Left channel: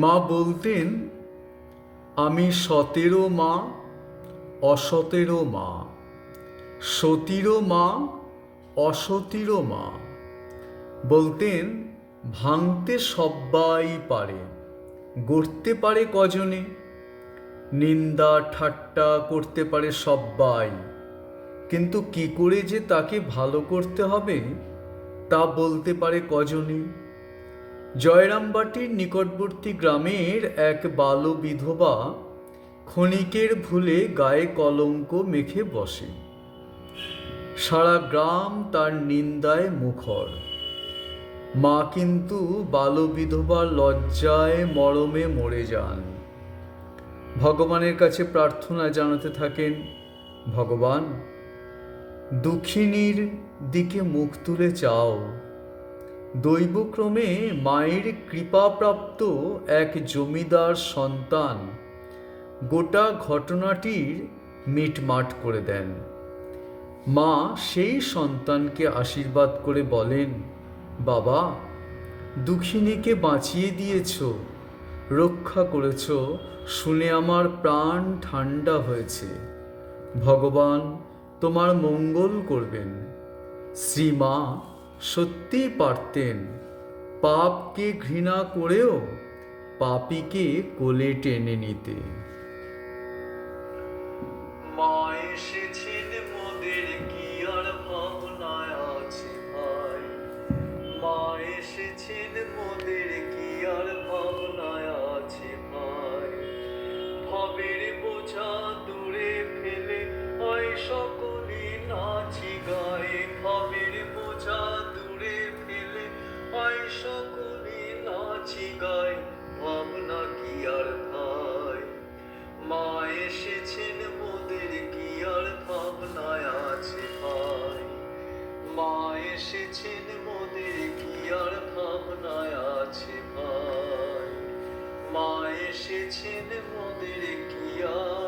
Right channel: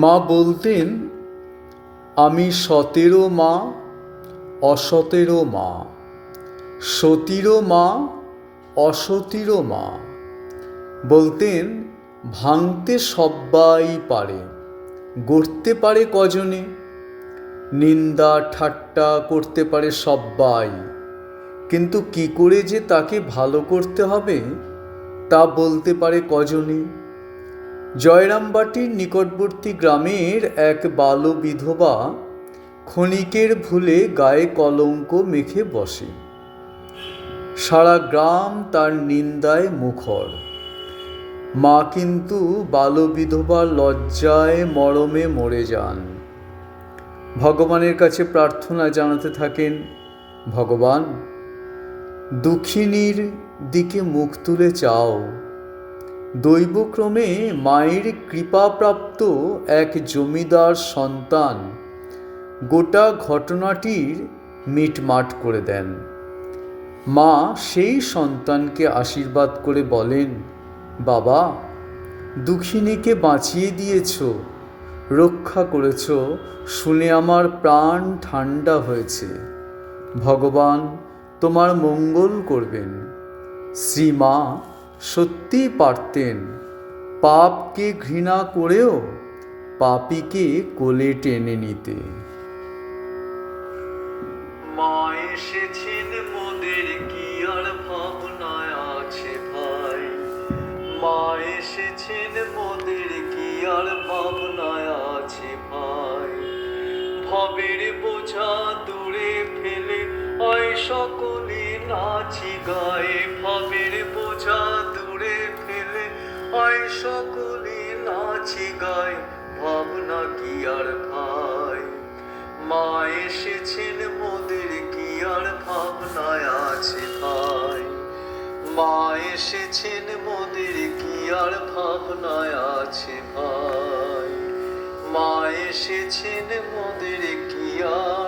মা বলতেন, আমি সতেরো মা, অসতেরো মা, সতীরও মা, অসতীরও মা। বলতেন, ভাঙতে সব্বাই পারে, গড়তে পারে কজনে। নিন্দা ঠাট্টা করতে পারে সব্বাই, কিন্তু কি করে যে তাকে ভালো করতে হবে তা বলতে পারে কজনে। জয়রামবাটির নিকটবর্তী গ্রামের এক বাল বিধবা ক্ষণিকের ভুলে গায়ে কলঙ্ক মেখে বসে। সারা গ্রাম তার নিন্দায় মুখর। মা কিন্তু বাল বিধবার লজ্জায় মরমে মরে যান। ভগবানের কাছে প্রার্থনা জানাতে থাকেন, ভগবান, দুঃখিনীর দিকে মুখ তুলে চাও। দৈবক্রমে মায়ের কৃপাপ্রাপ্ত এক জমিদার সন্তান গোটা ঘটনাটির মিটমাট করে দেন। মা সেই সন্তানকে আশীর্বাদ করে বলেন, বাবা, দুঃখিনীকে বাঁচিয়ে দিয়েছ, রক্ষা করেছ, শুনে আমার প্রাণ ঠান্ডা হয়েছে। ভগবান তোমার মঙ্গল করবেন। শ্রীমা সত্যিই পারতেন পাপকে ঘৃণা করেও পাপীকে কোলে টেনে নিতে। মা এসেছেন মোদের কি আর ভাবনায় আছে ভাই, মা এসেছেন মোদের কি আর ভাবনায় আছে ভাই। ভবের বোঝা দূরে ফেলে আয় সকলে নাচি গায়ে, ভবের বোঝা দূরে ফেলে আয় সকলে নাচি গায়ে, ভাবনা কি আর ভাই। মা এসেছেন মোদের কি আর ভাবনায় আছে ভাই, মা এসেছেন মোদের কি আর ভাবনায় আছে ভাই, মা এসেছেন মোদের কি আর